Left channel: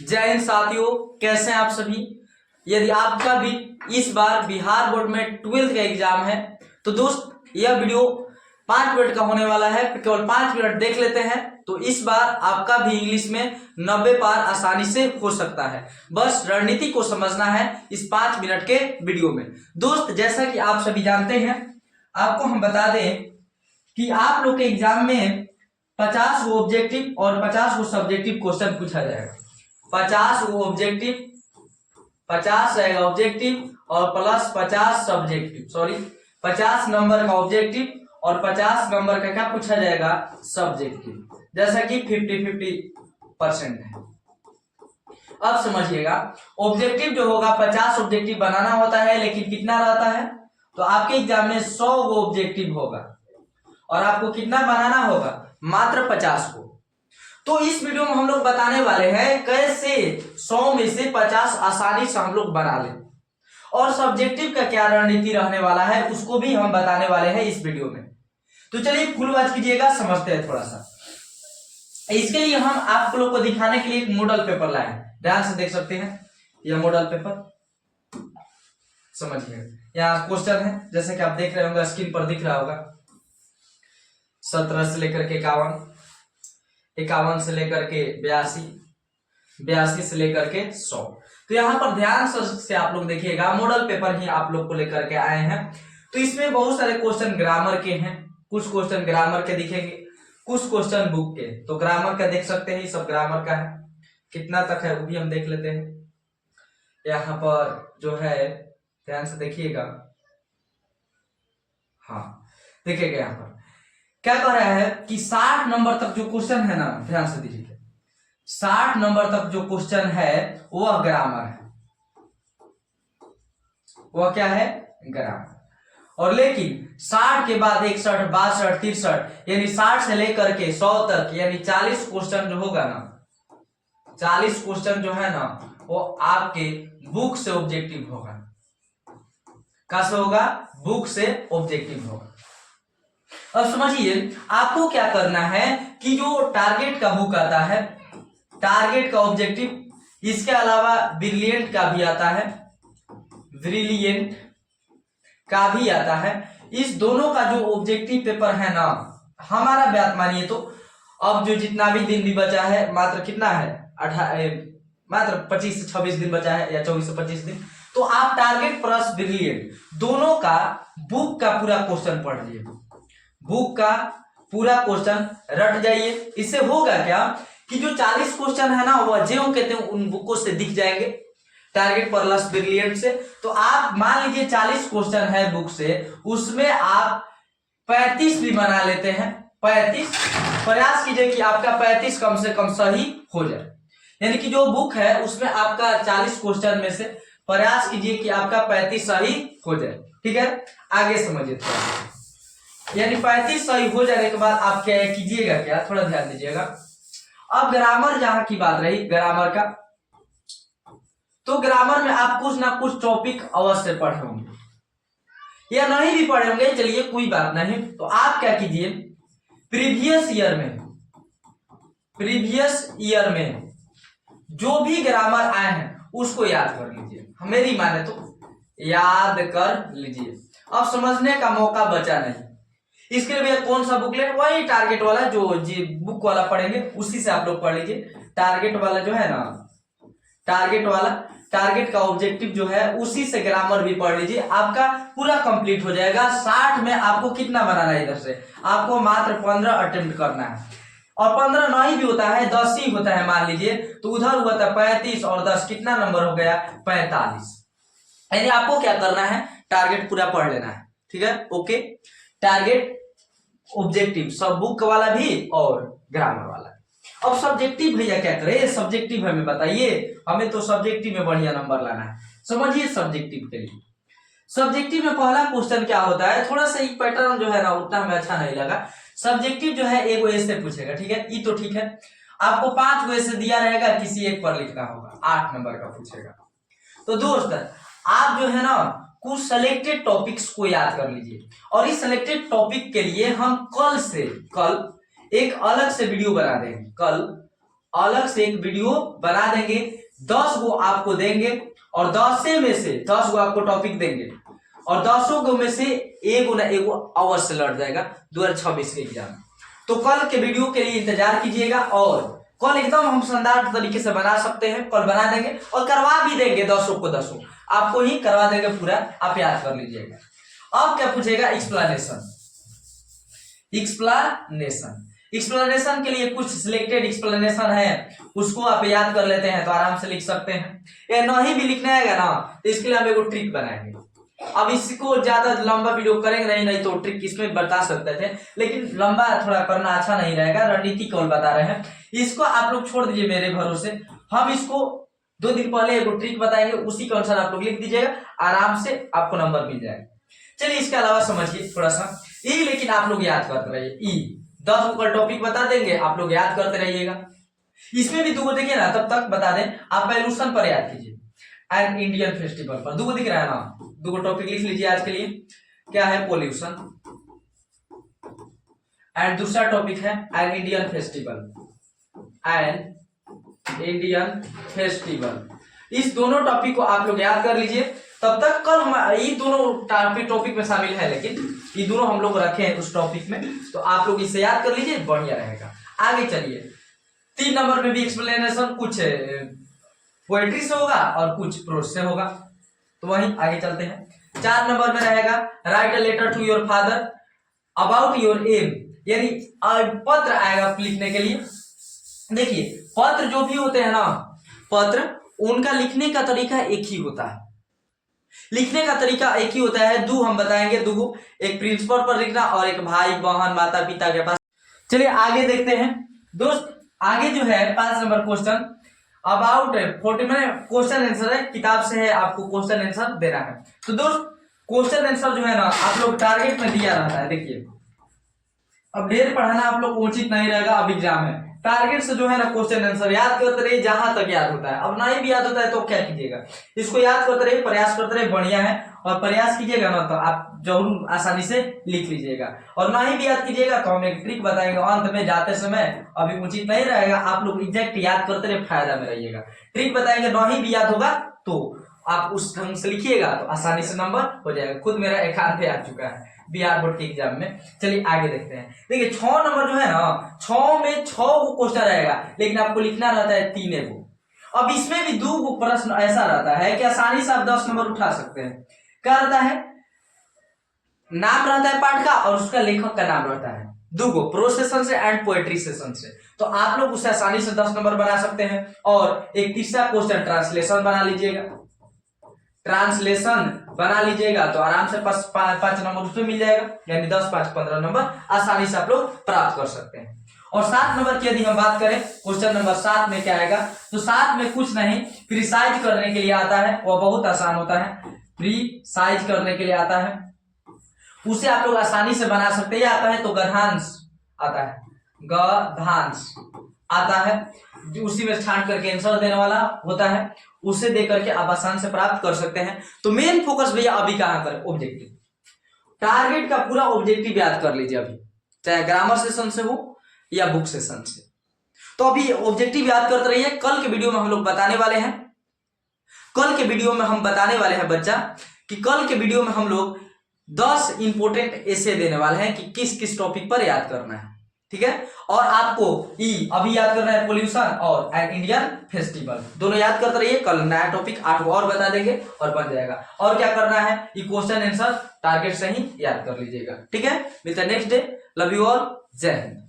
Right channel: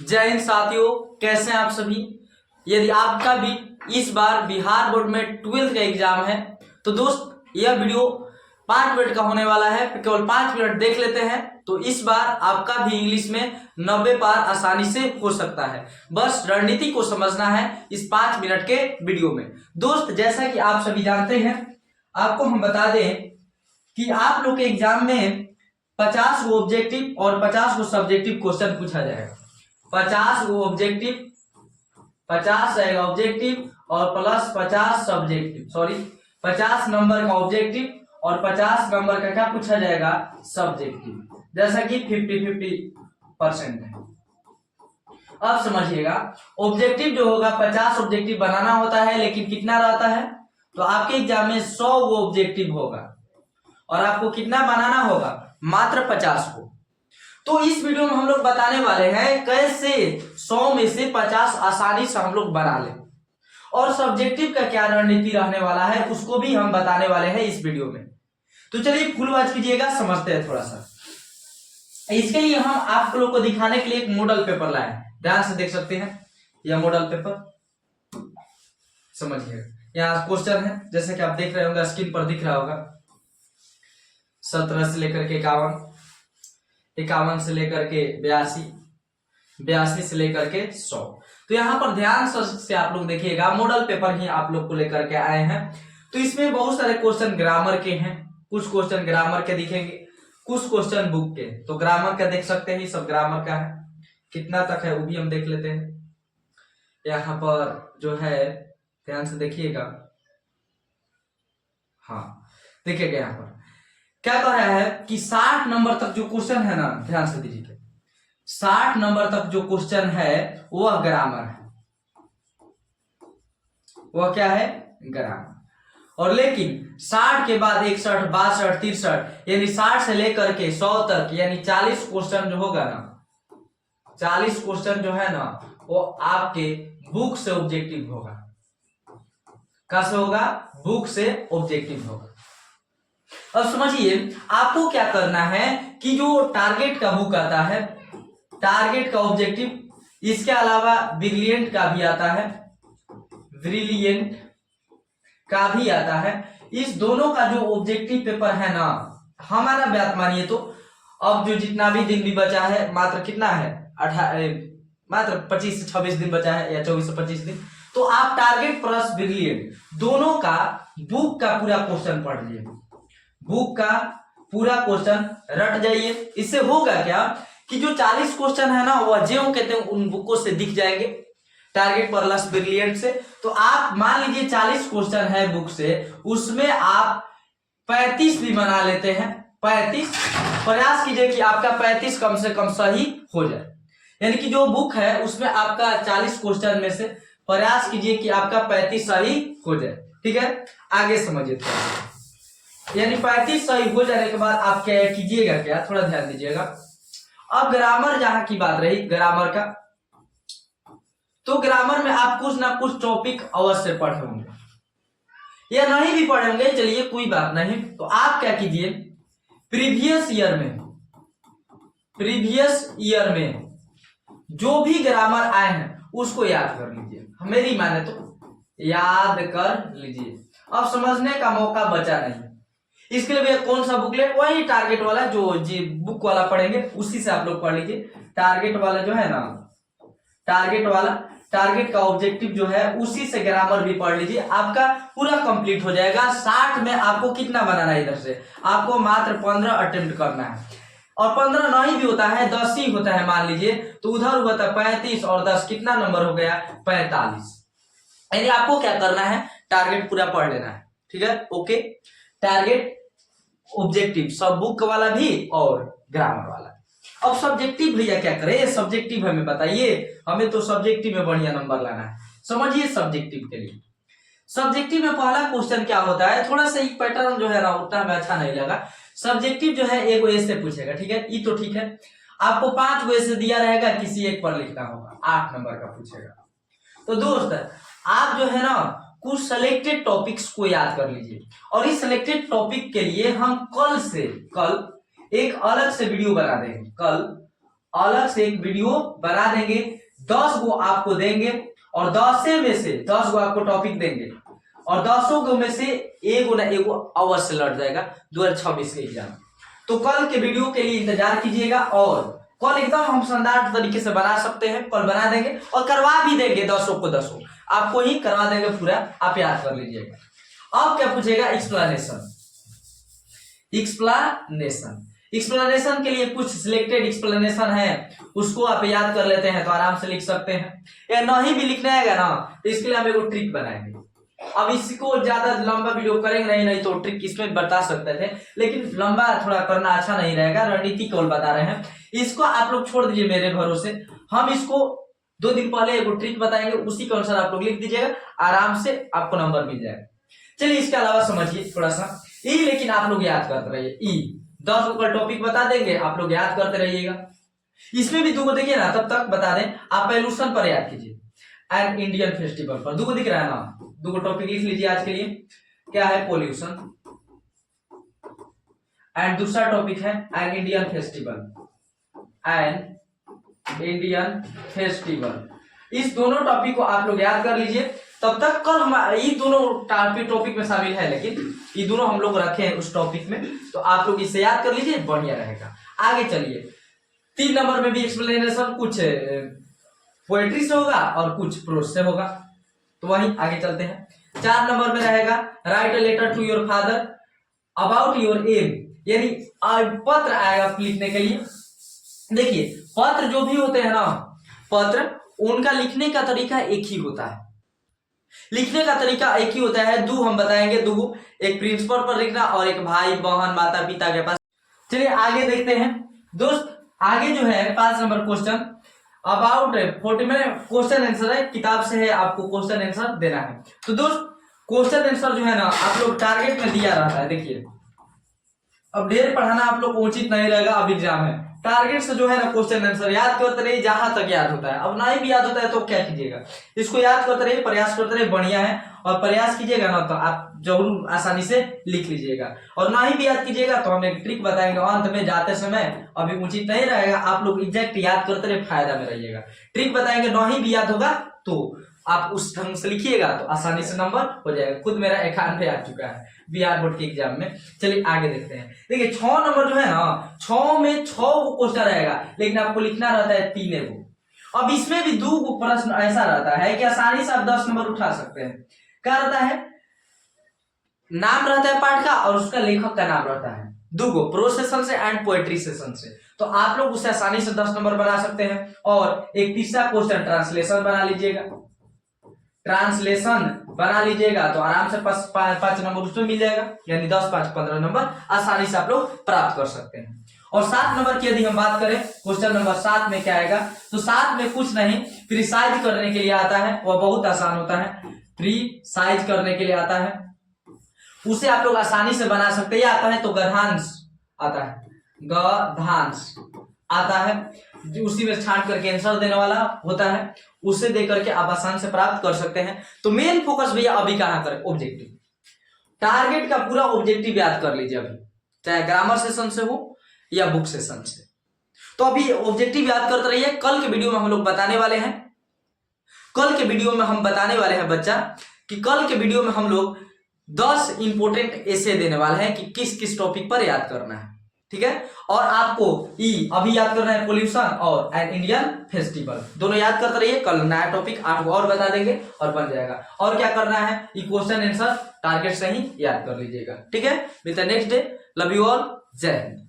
जय हिंद साथियों, कैसे हैं आप सभी। यदि आपका भी इस बार बिहार बोर्ड में 12th का एग्जाम है तो दोस्त यह वीडियो 5 मिनट का होने वाला है। केवल 5 मिनट देख लेते हैं तो इस बार आपका भी इंग्लिश में 90 पार आसानी से हो सकता है। बस रणनीति को समझना है इस 5 मिनट के वीडियो में। दोस्त जैसा कि आप सभी जानते हैं, आपको हम बता दें कि आप लोग के एग्जाम में 50 गो ऑब्जेक्टिव और 50 गो सब्जेक्टिव क्वेश्चन पूछा जाएगा। 50 गो ऑब्जेक्टिव, 50 रहेगा ऑब्जेक्टिव और प्लस 50 सब्जेक्टिव, 50 नंबर का ऑब्जेक्टिव और 50 नंबर का क्या पूछा जाएगा, सब्जेक्टिव, जैसा कि 50-50% है। अब समझिएगा, ऑब्जेक्टिव जो होगा 50 ऑब्जेक्टिव बनाना होता है, लेकिन कितना रहता है, तो आपके एग्जाम में 100 गो ऑब्जेक्टिव होगा और आपको कितना बनाना होगा, मात्र 50 को। तो इस वीडियो में हम लोग बताने वाले हैं कैसे 100 में से 50 आसानी से हम लोग बना लें, और सब्जेक्टिव का क्या रणनीति रहने वाला है उसको भी हम बताने वाले हैं इस वीडियो में। तो चलिए फुल वॉच कीजिएगा, समझते हैं थोड़ा सा। इसके लिए हम आप लोग को दिखाने के लिए एक मॉडल पेपर लाए हैं, ध्यान से देख सकते हैं यह मॉडल पेपर। समझिएगा, यहाँ क्वेश्चन है जैसे कि आप देख रहे होंगे, स्क्रीन पर दिख रहा होगा। 17 से लेकर के 51, 51 से लेकर के 82, 82 से लेकर के 100। तो यहाँ पर ध्यान से आप लोग देखिएगा, मॉडल पेपर ही आप लोग को लेकर के आए हैं। तो इसमें बहुत सारे क्वेश्चन ग्रामर के हैं, कुछ क्वेश्चन ग्रामर के दिखेंगे, कुछ क्वेश्चन बुक के। तो ग्रामर का देख सकते हैं, सब ग्रामर का है। कितना तक है वो भी हम देख लेते हैं। यहाँ पर जो है ध्यान से देखिएगा, हाँ देखिएगा यहाँ पर क्या कह रहा है कि 60 नंबर तक जो क्वेश्चन है ना, ध्यान से दीजिए, 60 नंबर तक जो क्वेश्चन है वह ग्रामर है। वह क्या है, ग्रामर। और लेकिन 60 के बाद 61, 62, 63 यानी 60 से लेकर के 100 तक यानी 40 क्वेश्चन जो होगा ना, 40 क्वेश्चन जो है ना, वो आपके बुक से ऑब्जेक्टिव होगा। कैसे होगा, बुक से ऑब्जेक्टिव होगा। अब समझिए, आपको क्या करना है कि जो टारगेट का बुक आता है, टारगेट का ऑब्जेक्टिव, इसके अलावा ब्रिलियंट का भी आता है, ब्रिलियंट का भी आता है। इस दोनों का जो ऑब्जेक्टिव पेपर है ना, हमारा बात मानिए तो अब जो जितना भी दिन भी बचा है, मात्र कितना है, मात्र 25 से 26 दिन बचा है, या 24 से 25 दिन। तो आप टारगेट प्लस ब्रिलियंट दोनों का बुक का पूरा क्वेश्चन पढ़ लीजिए, बुक का पूरा क्वेश्चन रट जाइए। इससे होगा क्या कि जो 40 क्वेश्चन है ना, वह जो कहते हैं उन बुकों से दिख जाएंगे, टारगेट प्लस ब्रिलियंट से। तो आप मान लीजिए 40 क्वेश्चन है बुक से, उसमें आप 35 भी बना लेते हैं। 35 प्रयास कीजिए कि आपका 35 कम से कम सही हो जाए, यानी कि जो बुक है उसमें आपका 40 क्वेश्चन में से प्रयास कीजिए कि आपका 35 सही हो जाए। ठीक है, आगे समझिए थोड़ा। यानी 35 सही हो जाने के बाद आप क्या कीजिएगा, क्या थोड़ा ध्यान दीजिएगा। अब ग्रामर जहां की बात रही, ग्रामर का, तो ग्रामर में आप कुछ ना कुछ टॉपिक अवश्य पढ़े होंगे या नहीं भी पढ़े होंगे, चलिए कोई बात नहीं। तो आप क्या कीजिए, प्रीवियस ईयर में जो भी ग्रामर आए हैं उसको याद कर लीजिए। मेरी माने तो याद कर लीजिए। अब समझने का मौका बचा नहीं, इसके लिए भैया कौन सा बुक ले, वही टारगेट वाला जो जी बुक वाला पढ़ेंगे उसी से आप लोग पढ़ लीजिए। टारगेट वाला जो है ना, टारगेट वाला, टारगेट का ऑब्जेक्टिव जो है उसी से ग्रामर भी पढ़ लीजिए, आपका पूरा कंप्लीट हो जाएगा। 60 में आपको कितना बनाना है, इधर से आपको मात्र 15 अटेम्प्ट करना है, और 15 नहीं भी होता है, 10 ही होता है मान लीजिए, तो उधर हुआ था 35 और 10 कितना नंबर हो गया, 45। यानी आपको क्या करना है, टारगेट पूरा पढ़ लेना है। ठीक है, ओके। टारगेट, ऑब्जेक्टिव, सब बुक वाला भी और ग्रामर वाला। अब सब्जेक्टिव भैया क्या करे, सब्जेक्टिव हमें बताइए, हमें तो सब्जेक्टिव में बढ़िया नंबर लाना है। समझिए सब्जेक्टिव के लिए, सब्जेक्टिव में पहला क्वेश्चन क्या होता है, थोड़ा सा एक पैटर्न जो है ना उतना हमें अच्छा नहीं लगा। सब्जेक्टिव जो है एक ऐसे पूछेगा, ठीक है, ये तो ठीक है। आपको 5 गो ऐसे दिया रहेगा, किसी एक पर लिखना होगा, 8 नंबर का पूछेगा। तो दोस्त आप जो है ना कुछ सिलेक्टेड टॉपिक्स को याद कर लीजिए, और इस सिलेक्टेड टॉपिक के लिए हम कल एक अलग से वीडियो बना देंगे। कल अलग से एक वीडियो बना देंगे, 10 गो आपको देंगे और 10 में से 10 गो आपको टॉपिक देंगे और 10 गो में से एगो ना एगो अवश्य लड़ जाएगा 2026 के एग्जाम। तो कल के वीडियो के लिए इंतजार कीजिएगा और कल एकदम हम शानदार तरीके से बना सकते हैं, कल बना देंगे और करवा भी देंगे 10 को 10 आपको ही करवा देंगे पूरा, आप याद कर लीजिएगा। अब क्या पूछेगा, एक्सप्लेनेशन। एक्सप्लेनेशन के लिए कुछ सिलेक्टेड एक्सप्लेनेशन है, उसको आप याद कर लेते हैं तो आराम से लिख सकते हैं। या नहीं भी लिखना है ना तो इसके लिए हम एगो ट्रिक बनाएंगे। अब इसको ज्यादा लंबा वीडियो करेंगे नहीं तो ट्रिक इसमें बता सकते थे, लेकिन लंबा थोड़ा करना अच्छा नहीं रहेगा, रणनीति केवल बता रहे हैं। इसको आप लोग छोड़ दीजिए मेरे भरोसे, हम इसको 2 दिन पहले एगो ट्रिक बताएंगे, उसी के अनुसार आप लोग लिख दीजिएगा, आराम से आपको नंबर मिल जाएगा। चलिए इसके अलावा समझिए थोड़ा सा ई, लेकिन आप लोग याद करते रहिए। ई 10 गो का टॉपिक बता देंगे, आप लोग याद करते रहिएगा। इसमें भी 2 गो देखिए ना, तब तक बता दें आप पॉल्यूशन पर याद कीजिए, एंड इंडियन फेस्टिवल पर 2 गो दिख रहा है ना, 2 गो टॉपिक लिख लीजिए आज के लिए। क्या है, पोल्यूशन, एंड दूसरा टॉपिक है एन इंडियन फेस्टिवल। इस दोनों टॉपिक को आप लोग याद कर लीजिए। तब तक कल हम ये दोनों टॉपिक में शामिल है, लेकिन ये दोनों हम लोग रखे हैं उस टॉपिक में, तो आप लोग इसे याद कर लीजिए, बढ़िया रहेगा। आगे चलिए, 3 नंबर में भी एक्सप्लेनेशन कुछ पोएट्री से होगा और कुछ प्रोज से होगा, तो वहीं आगे चलते हैं। 4 नंबर में रहेगा write a letter to your father about your aim, यानी पत्र आएगा लिखने के लिए। देखिए पत्र जो भी होते हैं ना, पत्र उनका लिखने का तरीका एक ही होता है, लिखने का तरीका एक ही होता है। हम बताएंगे 2, एक प्रिंसिपल पर लिखना और एक भाई बहन माता पिता के पास। चलिए आगे देखते हैं दोस्त, आगे जो है 5 नंबर क्वेश्चन अबाउट 40 में क्वेश्चन आंसर है, किताब से है, आपको क्वेश्चन आंसर देना है। तो दोस्त क्वेश्चन आंसर जो है ना आप लोग टारगेट में दिया रहता है। देखिए अब ढेर पढ़ाना आप लोग उचित नहीं रहेगा, अब एग्जाम है, टारगेट से जो है ना क्वेश्चन आंसर याद करते रहिए जहां तक याद होता है। अब नहीं भी याद होता है तो क्या कीजिएगा, इसको याद करते रहिए, प्रयास करते रहिए, बढ़िया है। और प्रयास कीजिएगा ना तो आप जरूर आसानी से लिख लीजिएगा, और नहीं भी याद कीजिएगा तो हम एक ट्रिक बताएंगे अंत में जाते समय, अभी उचित नहीं रहेगा, आप लोग एग्जैक्ट याद करते रहिए, फायदा में रहिएगा। ट्रिक बताएंगे, नहीं भी याद होगा तो आप उस ढंग से लिखिएगा तो आसानी से नंबर हो जाएगा। खुद मेरा 91 आ चुका है बिहार बोर्ड के एग्जाम में। चलिए आगे देखते हैं। देखिए 6 नंबर जो है ना, 6 में 6 क्वेश्चन रहेगा, लेकिन आपको लिखना रहता है 3 गो। अब इसमें भी 2 गो प्रश्न ऐसा रहता है कि आसानी से आप 10 नंबर उठा सकते हैं। क्या रहता है, नाम रहता है पाठ का और उसका लेखक का नाम रहता है, 2 गो, प्रोज सेशन से एंड पोएट्री सेशन से, तो आप लोग उससे आसानी से 10 नंबर बना सकते हैं। और एक तीसरा क्वेश्चन ट्रांसलेशन बना लीजिएगा, ट्रांसलेशन बना लीजिएगा तो आराम से 5 नंबर उसमें मिल जाएगा, यानी 10, 5, 15 नंबर आसानी से आप लोग प्राप्त कर सकते हैं। और 7 नंबर की यदि हम बात करें, क्वेश्चन नंबर 7 में क्या आएगा, तो 7 में कुछ नहीं, प्रिसाइज करने के लिए आता है, वह बहुत आसान होता है, प्रिसाइज करने के लिए आता है, उसे आप लोग आसानी से बना सकते हैं। आता है तो गधांश आता है, गधांश आता है, उसी में छांट करके आंसर देने वाला होता है, उसे दे करके आप आसान से प्राप्त कर सकते हैं। तो मेन फोकस भैया अभी कहां करें, ऑब्जेक्टिव, टारगेट का पूरा ऑब्जेक्टिव याद कर लीजिए अभी, चाहे ग्रामर सेशन से हो या बुक सेशन से। तो अभी ऑब्जेक्टिव याद करते रहिए। कल के वीडियो में हम लोग बताने वाले हैं, कल के वीडियो में हम बताने वाले हैं बच्चा कि कल के वीडियो में हम लोग 10 इंपोर्टेंट ऐसे देने वाले हैं कि किस किस टॉपिक पर याद करना है, ठीक है। और आपको अभी याद करना है पोल्यूशन और एन इंडियन फेस्टिवल, दोनों याद करते रहिए। कल नया टॉपिक 8 और बता देंगे और बन जाएगा। और क्या करना है, ये क्वेश्चन आंसर टारगेट से ही याद कर लीजिएगा, ठीक है। मिलता है next day, love you all, जय हिंद।